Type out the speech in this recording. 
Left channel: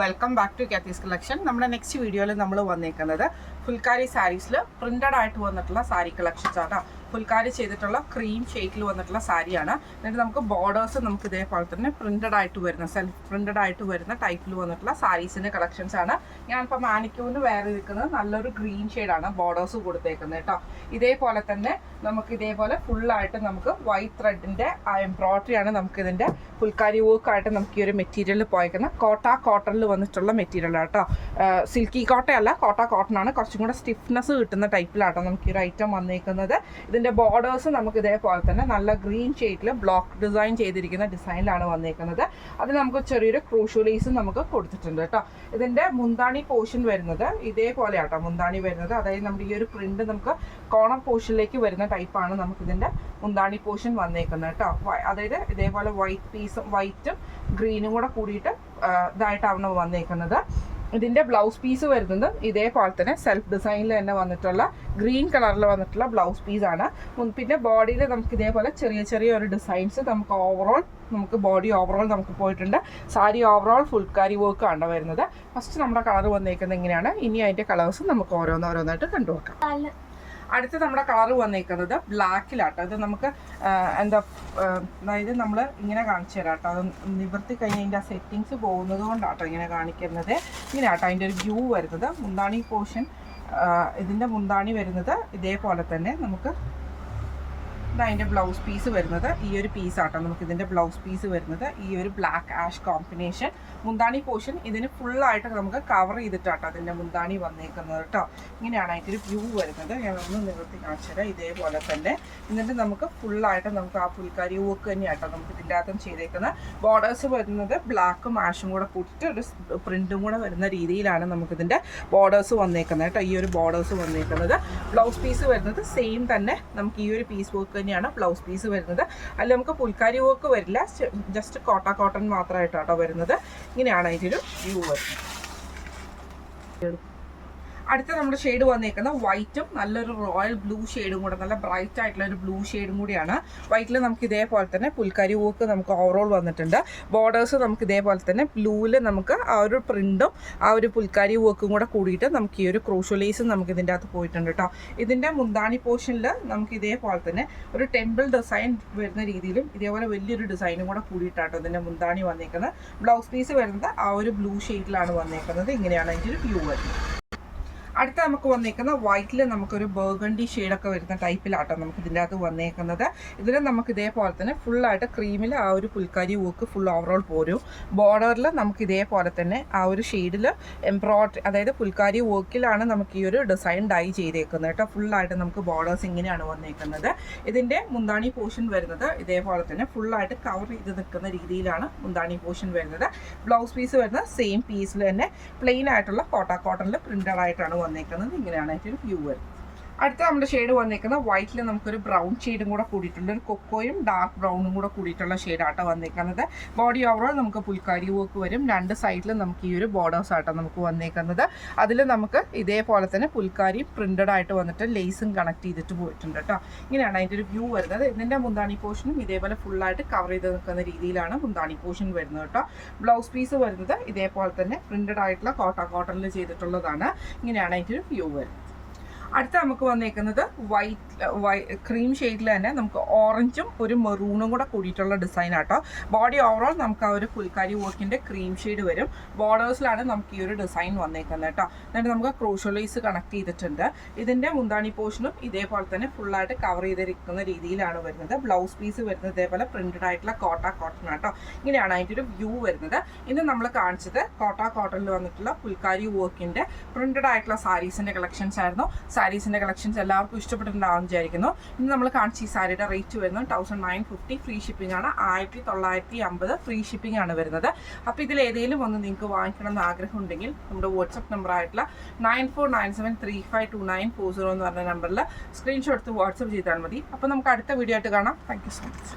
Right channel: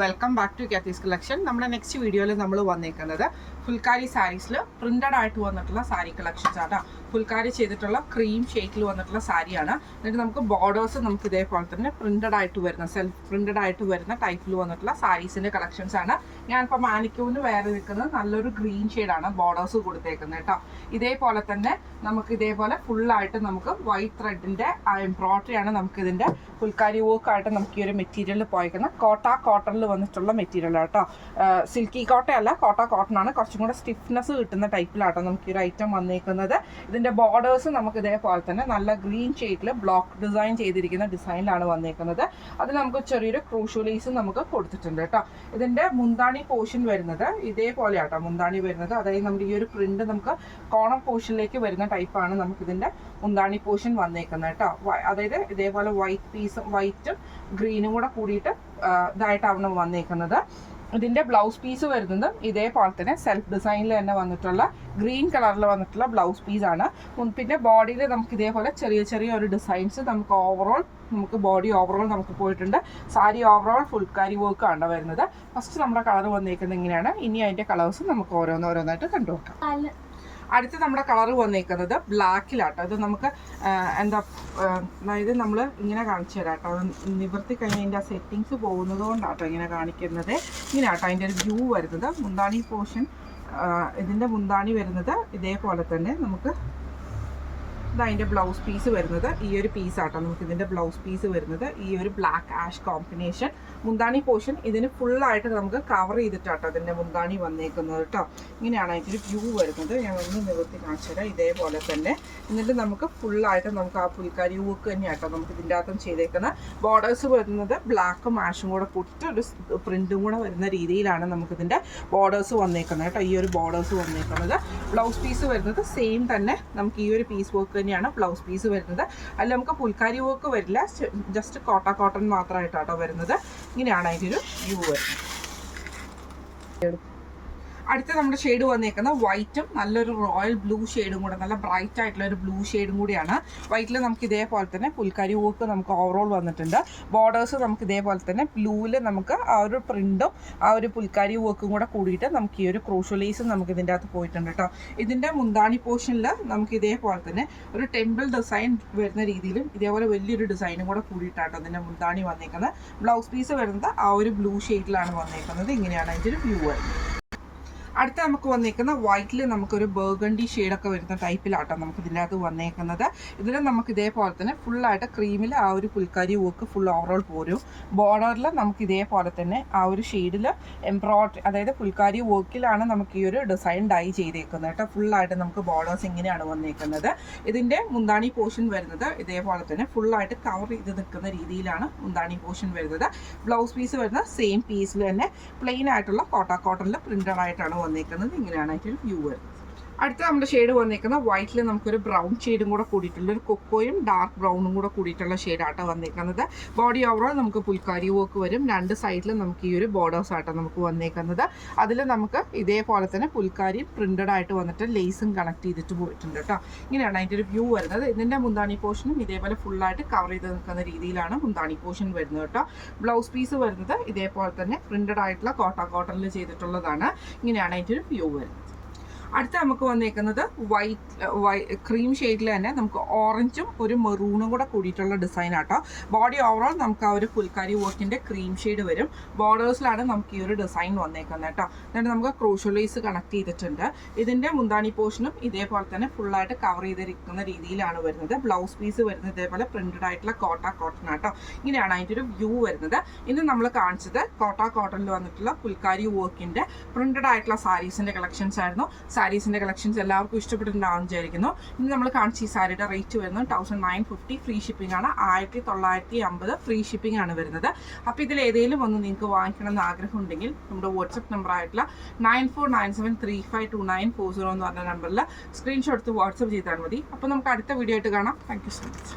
Welcome back to Kathy's collection. നമ്മുടെ next വീഡിയോയിൽ നമ്മൾ വന്നേക്കുന്നത് ഫുൽക്കാരി സാരീസിൽ പ്രിന്റഡ് ആയിട്ട് വന്നിട്ടുള്ള സാരി കളക്ഷൻസ് ആണ്. ഫുൽക്കാരി ചെയ്തിട്ടുള്ള ക്രീം ഷെയ്ഡിൽ വന്നിട്ടുള്ള സാരിയാണ്. എന്നിട്ട് നമുക്ക് ബോർഡേഴ്സ് നമുക്ക് ഇതേപോലെ തന്നെ പ്രിന്റഡ് ആയിട്ട് വരുന്ന സെൽഫ് പ്രിന്റഡ് ആയിട്ട് വരുന്ന ടൈപ്പിൽ വന്നിട്ടുള്ള സാരീസിന്റെ കളക്ഷൻസ് ആണ്. ഞാനിപ്പോൾ മാനിക്യൂവിന് വേറെ നിൽക്കുന്നത് നല്ലൊരു ഗ്രീൻ ഷെയ്ഡാണ് ബോർഡേഴ്സ് കൊടുത്തേക്കുന്നത് കേട്ടോ. ഇതേപോലെ തന്നെ നമുക്ക് ഇതേപോലെ ഫുള്ളായിട്ട് നമുക്ക് വൈറ്റ് ത്രെഡിന്റെ എംബ്രോയിഡറി ആണ് നമുക്ക് ഇതിന്റെ ഫുൽക്കാരി വർക്കായിട്ട് നമുക്ക് ഈ ഒരു മെറ്റീരിയൽ പോയേക്കുന്നത്. കോട്ടണിൽ വന്നിട്ടുള്ള മെറ്റീരിയൽ കേട്ടോ. സിൽക്കി കോട്ടയല്ല, കോട്ടൺ ആണ്. കുറച്ചും കൂടെ സ്റ്റിഫ്നെസ് കിട്ടുന്ന ടൈപ്പിലാട്ടോ നമുക്ക് ഈ ഒരു ഐറ്റം വന്നേക്കുന്നത്. ഇതിന്റെ ബോർഡേഴ്സ് നമുക്ക് ഇതേപോലെ തന്നെ നല്ല ഗ്രീൻ ഷെയ്ഡിൽ ബ്ലോക്ക് ഡിസൈൻ ചെയ്തിരിക്കുന്ന ഡിസൈനിലാണ് വന്നേക്കുന്നത്. അത് നമുക്ക് ചെറിയൊരു ക്രൂഷ്യൽ ലേസ് നമുക്ക് കൊടുത്തിട്ടുണ്ട് കേട്ടോ. ഇതിന്റെ മുന്താണി പോർഷൻ വരുന്നത് ഇതേപോലെ ആട്ടോ മുന്താണി വരുന്നത്. അതായത് നമ്മുടെ ഈ ഒരു പ്രിന്റ് നമുക്ക് കോർണർ പോർഷനിലേക്ക് വരുന്ന ടൈപ്പാണ് നമുക്ക് ഇതിന്റെ മുന്താണി പോർഷൻ വന്നേക്കുന്നത് കേട്ടോ. അതായത് ഇതേപോലെ വൈറ്റും ഗ്രീനും കൂടെ കൂടിയിട്ട് ഇതായിട്ടാണ് വന്നേക്കുന്നത്. ഇതിന്റെ ബ്ലൗസ് പീസ് വരുന്നത് ഇതേപോലെ തന്നെ സെൽഫ് ഡിസൈനിൽ തന്നെ വന്നിട്ടുള്ള ഗ്രീൻ കളറിൽ വന്നിട്ടുള്ള ബ്ലൗസ് പീസാണ്. പിന്നെ ബോഡിയിൽ നമുക്ക് ഇതേപോലെ ചെറിയ ചെറിയ ഒരു ഡിസൈൻസ് നമുക്ക് ബോഡി ഓവറോൾ നമുക്ക് പോയിട്ടുണ്ട്. സാരി ഓവറോൾ ഫുൾക്കാരി വർക്ക് ആണ് വരുന്നത്. ഫസ്റ്റ് നമ്മുടെ കളർ വന്നേക്കുന്നത് ഇങ്ങനെയാണ്. ഇനി അതിന്റെ കളേഴ്സ് നമുക്ക് ഓരോന്നായിട്ട് കണ്ടുവെക്കാം. അടുത്ത് നമ്മുടെ കളർ വന്നേക്കുന്നത് ബ്ലാക്കിലാട്ടോ. അത് നമുക്ക് അതായത് നമ്മൾ ഇങ്ങനെ കാണിച്ചു തരാം കേട്ടോ. അത് നിവർത്തി കഴിഞ്ഞ് അതിൻ്റെ ആ സെറ്റിങ്സ് പോകുന്നത് കൊണ്ടാട്ടോ ഇങ്ങനെ കാണിക്കുന്നത്. ഇങ്ങനെയാട്ടോ അതിൻ്റെ ഒരു വ്യൂ വരുന്നത്. മുന്താണി പോർഷൻ ഇതിൻ്റെ മുന്താണി വരുന്നത് ഇതേപോലെ തന്നെ നമുക്ക് അതിൻ്റെ ബ്ലൗസ് പീസ് വരുന്നത് ഈ ഒരു പീസാട്ടോ. നമുക്ക് ഇതിൻ്റെ ബ്ലൗസ് പീസ് വരുന്നത് ഈ ഒരു ബ്ലാക്ക് ആഷ് കോമ്പിനേഷൻ. മുന്താണി പോർഷൻ ഇതിന് ഫുള്ളായിട്ട് നമുക്ക് കവർ ചെയ്തിട്ടാട്ടോ അതിൻ്റെ മുന്താണി വന്നേക്കുന്നത് കേട്ടോ. ഇങ്ങനെയാണ് അതിൻ്റെ വ്യൂ വരുന്നത്. ഞാൻ ഒന്ന് നിവർത്തി കാണിച്ചു തരാം. ഇതേപോലെ തന്നെ എന്നിട്ട് നമുക്ക് ഫുള്ളായിട്ട് നമുക്ക് ആ പുൽക്കാരി വർക്ക് തന്നെയാട്ടോ നമുക്ക് ഇതിൻ്റെ അകത്തും ചെയ്തേക്കുന്നത്. ബോർഡേഴ്സ് വരുന്നത് ബ്ലാക്കും ആഷും കൂടെ കൂട്ടിട്ട് ഒരു പ്രിൻറ്റും കൂടെ വരുന്ന രീതിയിലാണ് നമുക്കിതിൻ്റെ ബോർഡേഴ്സ് വന്നേക്കുന്നത് കേട്ടോ. ഈ ഒരു ബോർഡേഴ്സ് വന്നേക്കുന്നത്. ബ്ലൗസ് പീസ് വരുന്നത് സെയിം തന്നെ നമുക്ക് ഈ ഒരു പീസ് വർക്ക് തന്നെയാണ് ബ്ലൗസ് പീസ് വരുന്നത്. അതിൽ നമുക്ക് പുൽക്കാരി വർക്ക് വരില്ല, ജസ്റ്റ് കോട്ടൺ മാത്രമായിട്ടാട്ടോ വരുന്നത്. ഇങ്ങനെയാണ് അതിൻ്റെ ഒരു വ്യൂ വരുന്നത്. അടുത്ത നമ്മുടെ ഷെയ്ഡ് വന്നേക്കുന്ന വൈറ്റും നല്ലൊരു റോയൽ ബ്ലൂ ഷെയ്ഡും കൂടെ, നല്ല ബ്രൈറ്റ് ആയിട്ടുള്ള ഒരു ബ്ലൂ ഷെയ്ഡും കൂടിയാണ്. വൈറ്റിൽ നമുക്ക് ഇതേപോലെ തന്നെ പുൽക്കാരി വർക്ക് നമുക്ക് ഓവറോൾ വന്നിട്ടുണ്ട്. ബോർഡേഴ്സ് നമുക്ക് ഇതേപോലെ തന്നെ ബ്ലൂവിൽ നമുക്ക് ആ ഒരു പ്രിന്റും ആ ഒരു പുൽക്കാരി വർക്കും കൂടെ കൂടിയിട്ട് നമുക്ക് ഈ ഒരു ക്രൂഷ്യൽ ലേസും നമുക്ക് ഇതിൻ്റെ അകത്ത് പോയിട്ടുണ്ട് കേട്ടോ. ഇതിൻ്റെ മുന്താണി പോർഷനിൽ നമുക്ക് ഇതേപോലെ തന്നെ ഒരു ടെമ്പിൾ ഡിസൈൻ വരുന്ന രീതിയിലും ഇതേപോലെ വലിയൊരു ഡിസൈനും കൂടെ കൂടിയിട്ടാട്ടോ ഇതിൻ്റെ മുന്താണി വന്നേക്കുന്നത്. ബ്ലൗസ് പീസ് വരുന്നത് ആ ഒരു ബ്ലൂ ഷെയ്ഡിലാണ് വന്നേക്കുന്നത്. ഇങ്ങനെയാണ് അതിൻ്റെ ഒരു വ്യൂ വരുന്നത്. അടുത്ത നമുക്ക് വന്നേക്കുന്ന വൈറ്റിൽ നമുക്കൊരു ബർഗണ്ടി ഷെയ്ഡൊക്കെ വരുന്ന ടൈപ്പിലാട്ടോ നമുക്ക് ഇതിൻ്റെ അകത്ത് വന്നേക്കുന്നത്. ഇതിൽ നമുക്ക് ഇതേപോലെ തന്നെ ഫുള്ളായിട്ട് ക്രീമിൽ ആ ഒരു പുൽക്കാരി വർക്ക് ഫുൾ ഓവറോൾ പോരും. ബോർഡറിൽ നമുക്ക് ഇതേപോലെ തന്നെ ആ ഒരു ഷെയ്ഡിൽ എംബ്രോയിഡറി, അതായത് പുൽക്കാരി വർക്കിലാണ് നമുക്ക് ഈ ഒരു ഡിസൈൻ ഡൈ ചെയ്തേക്കുന്നത് കേട്ടോ. ഫുള്ളായിട്ട് നമുക്ക് ബോർഡേഴ്സ് ഇങ്ങനെയാണ് വന്നേക്കുന്നത്. ഇതിൻ്റെ മുന്താണി പോർഷൻ വരുന്നത് ഇതേപോലെ തന്നെ ഫുള്ളായിട്ട് കവർ ചെയ്ത് നിൽക്കുന്ന രീതിയിലാണ് മുന്താണി പോർഷൻ വരുന്നത്. ബ്ലൗസ് പീസ് വരുന്നത് സെയിം പീസിൽ തന്നെ പ്ലെയിൻ ആയിട്ടുള്ള കോട്ടണിൽ പ്രിന്റഡ് ആയിട്ടാണ് വന്നേക്കുന്നത്. ഇങ്ങനെയാണ് അതിൻ്റെ വ്യൂ വരുന്നത്. അടുത്ത നമ്മുടെ ഷെയ്ഡ് വന്നേക്കുന്ന വൈറ്റിൽ നമുക്കൊരു ബ്രൗൺ ഷെയ്ഡും കൂടെ കൂടിയിട്ടുള്ള ഒരു കൊക്കോയും ഡാർക്ക് ബ്രൗണും കൂടെ കൂടിയിട്ടുള്ള ഷെയ്ഡാട്ടോ വന്നേക്കുന്നത്. ബോഡി ഓവറോൾ നമുക്ക് പുൽക്കാരി വർക്ക് വരും. രണ്ട് സൈഡിലും നമുക്ക് ഈ ഒരു ബോർഡേഴ്സ് ആട്ടോ നമുക്ക് വന്നേക്കുന്നത്. അതിൽ നമുക്ക് ഇതേപോലെ തന്നെ പുൽക്കാരി പ്രിന്റഡ് ആയിട്ട് വന്നിട്ട് ലേസും കണക്ട് ചെയ്തിട്ട് പോയിട്ടുണ്ട് കേട്ടോ. ഇങ്ങനെയാണ് അതിൻ്റെ ഒരു വ്യൂ വരുന്നത്. ഇതിൻ്റെ മുന്താണി പോർഷനും ഇതേപോലെ ഫുള്ളായിട്ട് കവർ ചെയ്ത് നിൽക്കുന്ന രീതിയിലാണ് മുന്താണി പോർഷൻ വരുന്നത് കേട്ടോ. ബ്ലൗസ് പീസ് വരുന്നത് ഇതേപോലെ തന്നെ പ്രിന്റഡ് ആയിട്ടുള്ള കോട്ടണിൽ ചെയ്തിട്ടുള്ളതാണ്. ഇങ്ങനെയാണ് അതിൻ്റെ ഒരു വ്യൂ വരുന്നത്. അടുത്ത നമുക്ക് വന്നേക്കുന്നത് ക്രീം ഷെയ്ഡിൽ തന്നെ നമുക്ക് ഓറഞ്ചും ഒരു മെറൂണും കൂടെ കൂടിയിട്ടുള്ള ഡിസൈൻ ആട്ടോ. ബോഡി ഓവറോൾ നമുക്ക് ആ ഒരു പുൽക്കാരി വർക്കിൻ്റെ ക്രീം ഷെയ്ഡ് വരും. ബോർഡേഴ്സിലാണ് നമുക്ക് ഈ ഒരു ഡിസൈൻ വന്നേക്കുന്നത് കേട്ടോ. എന്നിട്ട് നമുക്ക് ക്രൂഷ്യൽ ലേസ് കണക്ട് ചെയ്തിട്ടുണ്ട്. ഇതിൻ്റെ മുന്താണി പോർഷനും ഇതേപോലെ തന്നെ ഫുള്ളായിട്ട് കവർ ചെയ്തിരിക്കുന്ന രീതിയിലാണ് വരുന്നത്. ബ്ലൗസ് പീസ് വരുന്നത് ഇതേപോലെ പ്രിന്റഡ് ആയിട്ടുള്ള കോട്ടൺ ആട്ടോ. ഇങ്ങനെയാണ് അതിൻ്റെ ഒരു വ്യൂ വരുന്നത്. ഇന്ന് നമ്മൾ കാണിച്ചത് കോട്ടണിൽ വന്നിട്ടുള്ള പുൽക്കാരി വർക്കിൻ്റെ പ്രിന്റഡ് ആയിട്ടുള്ള സാരീസിൻ്റെ കളക്ഷൻസ് ആയിരുന്നു. സാരീസിൻ്റെ കളക്ഷൻസ് എല്ലാവർക്കും ഇഷ്ടപ്പെട്ടിട്ടുണ്ടാവും വിചാരിക്കുന്നു. ഇന്ന് നമ്മൾ കാണിച്ച ഈ സാരിയുടെ റേറ്റ് വരുന്നത് 1950 ഫ്രീ ഷിപ്പിംഗ് ആണ്. 1950 ഫ്രീ ഷിപ്പിംഗ് ആണ് വരുന്നത്. അപ്പോൾ ഇതിൽ ഏതെങ്കിലും ഒന്ന് നിങ്ങൾക്ക് വാങ്ങിക്കണം എന്ന് ആഗ്രഹം ഉണ്ടെങ്കിൽ നമ്മുടെ വാട്സപ്പ് നമ്പർ ആയിട്ടുള്ള 9497352940 എന്ന് പറഞ്ഞ നമ്പറിൽ സ്ക്രീൻഷോട്ട് എടുത്ത് വാട്സപ്പ് ചെയ്താൽ മതി. അപ്പോൾ നമുക്ക് അടുത്ത വീഡിയോ ആയിട്ട് കാണാം. Thank you so much.